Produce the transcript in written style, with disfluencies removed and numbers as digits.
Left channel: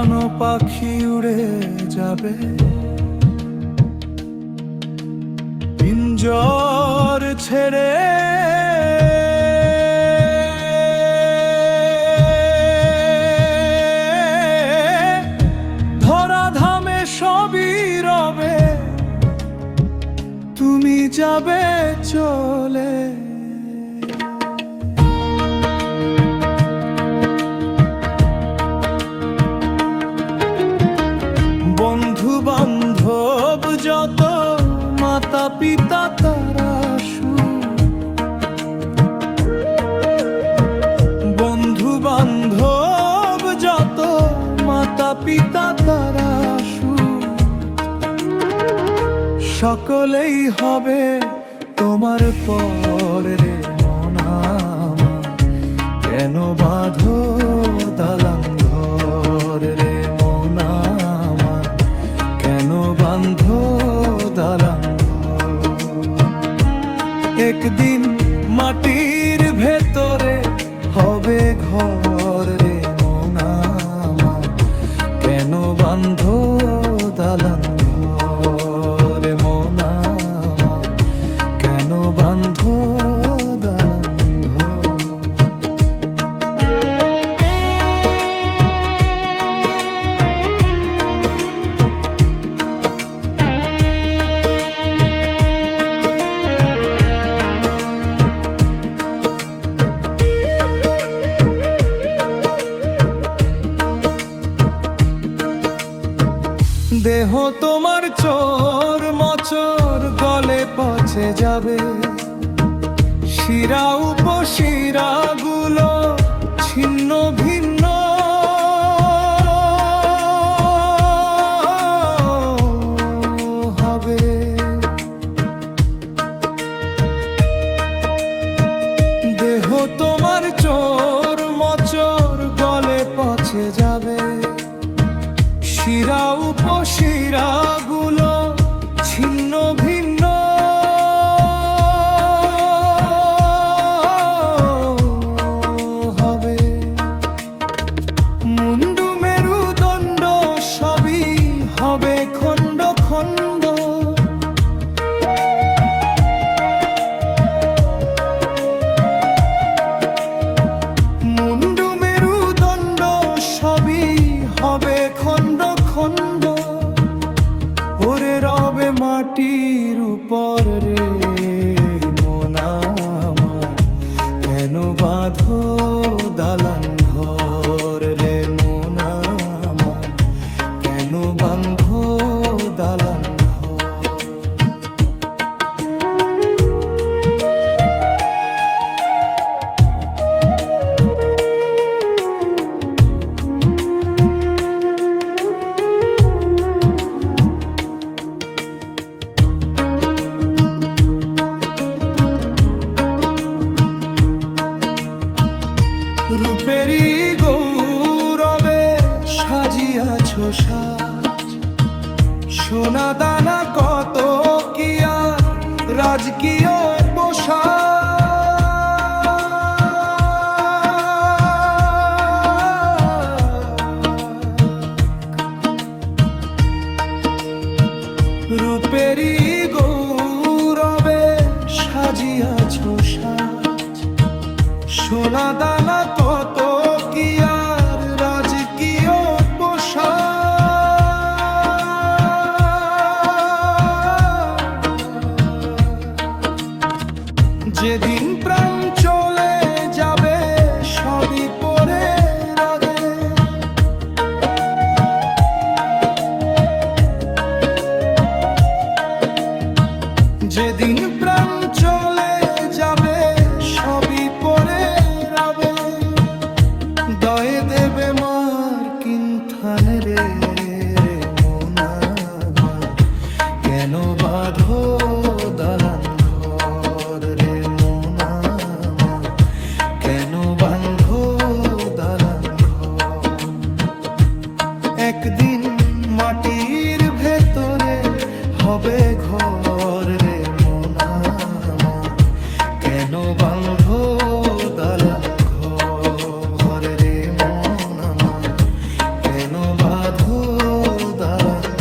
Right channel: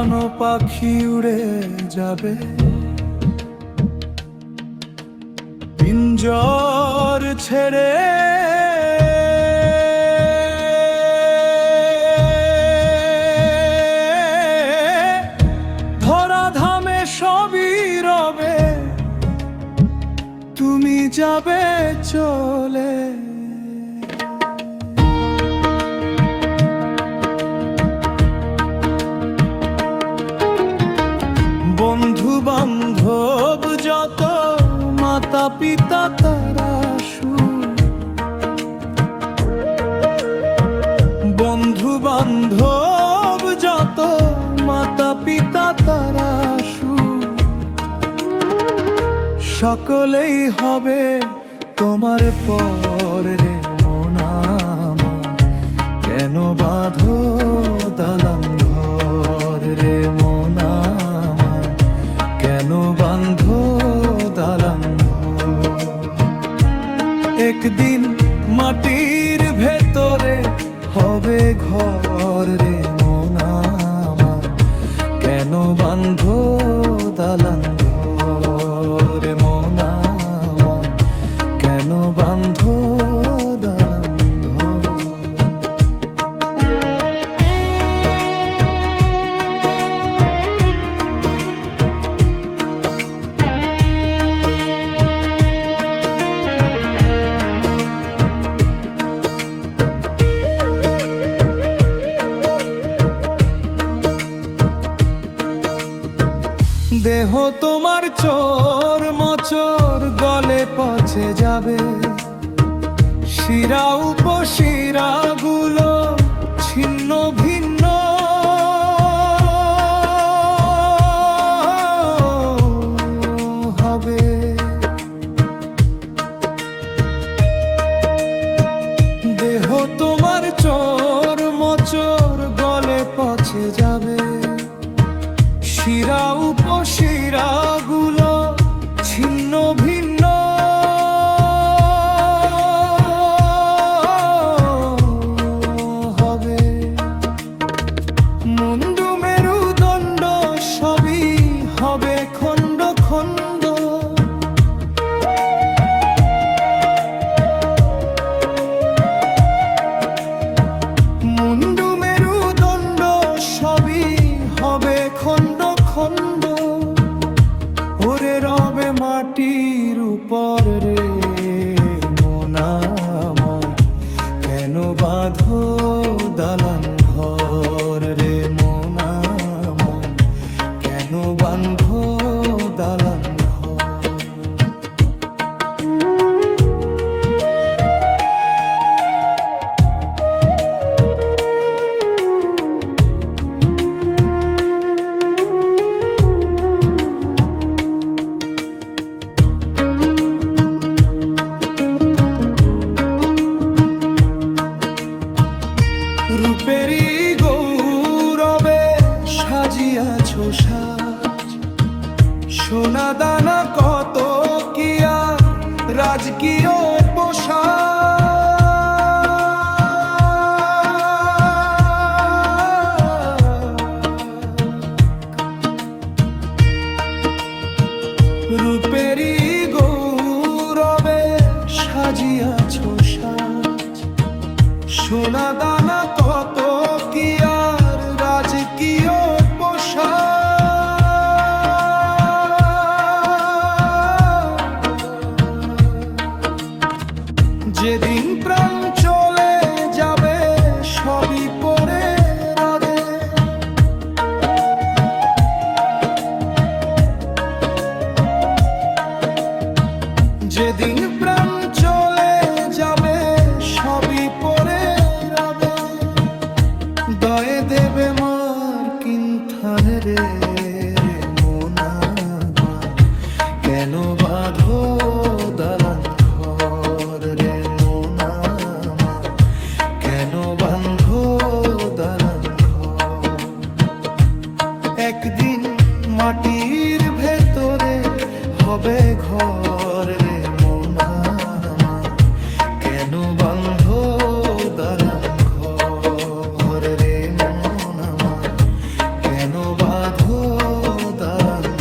হারানো পাখি উড়ে যাবে, পিঞ্জর ছেড়ে ধরাধামে সবই রবে, তুমি যাবে চলে। বন্ধু বান্ধব যত, মাতা পিতা তারা সুখ, বন্ধু বান্ধব যত, মাতা পিতা তারা সুখ, সকলেই হবে তোমার পর রে মন আমার, কেন বাঁধো দালান ঘর রে মন আমার, কেন বাঁধো দালান ঘর। একদিন মাটির ভেতরে হবে ঘর রে মন আমার, কেন বাঁধো দালান ঘর মন আমার, কেন বাঁধো দালান ঘর। দেহ তোমার চোর মচর গলে পচে যাবে, শিরা উপশিরা গুলো ছিন্ন ভিন্ন হবে। দেহ তোমার চোর মচর গলে পচে যাবে, শিরা উপশিরা গুলো ছিন্ন ভিন্ন হবে। মুন্ডু মেরুদণ্ড সবই হবে খণ্ড খণ্ড, মুন্ডু মেরুদণ্ড সবই হবে খণ্ড খণ্ড। ওরে রবে মাটির উপর রে মন আমার, কেন বাঁধো দালান ঘর রে মন আমার, কেন বাঁধো দালান ঘর। রূপেরই গৌরবে সাজিয়াছ সাজ, সোনা দানা কত কি আর রাজকীয় পোশাক। রূপেরই গৌরবে সাজিয়াছ সাজ, সোনা দানা কত কি আর রাজকীয় পোশাক। যেদিন প্রাণ চলে যাবে সবই পরে রদে, যেদিন প্রাণ চলে যাবে সবই পরে রবে। দয়ে দেবে মার কিন্থান রে রে মন আমার, কেন বাঁধো দালান ঘর রে মন আমার, কেন বাঁধো দালান ঘর। একদিন মাটির ভেতরে হবে ঘর রে মন আমার, কেন বাঁধো দালান ঘর রে মন আমার, কেন বাঁধো দালান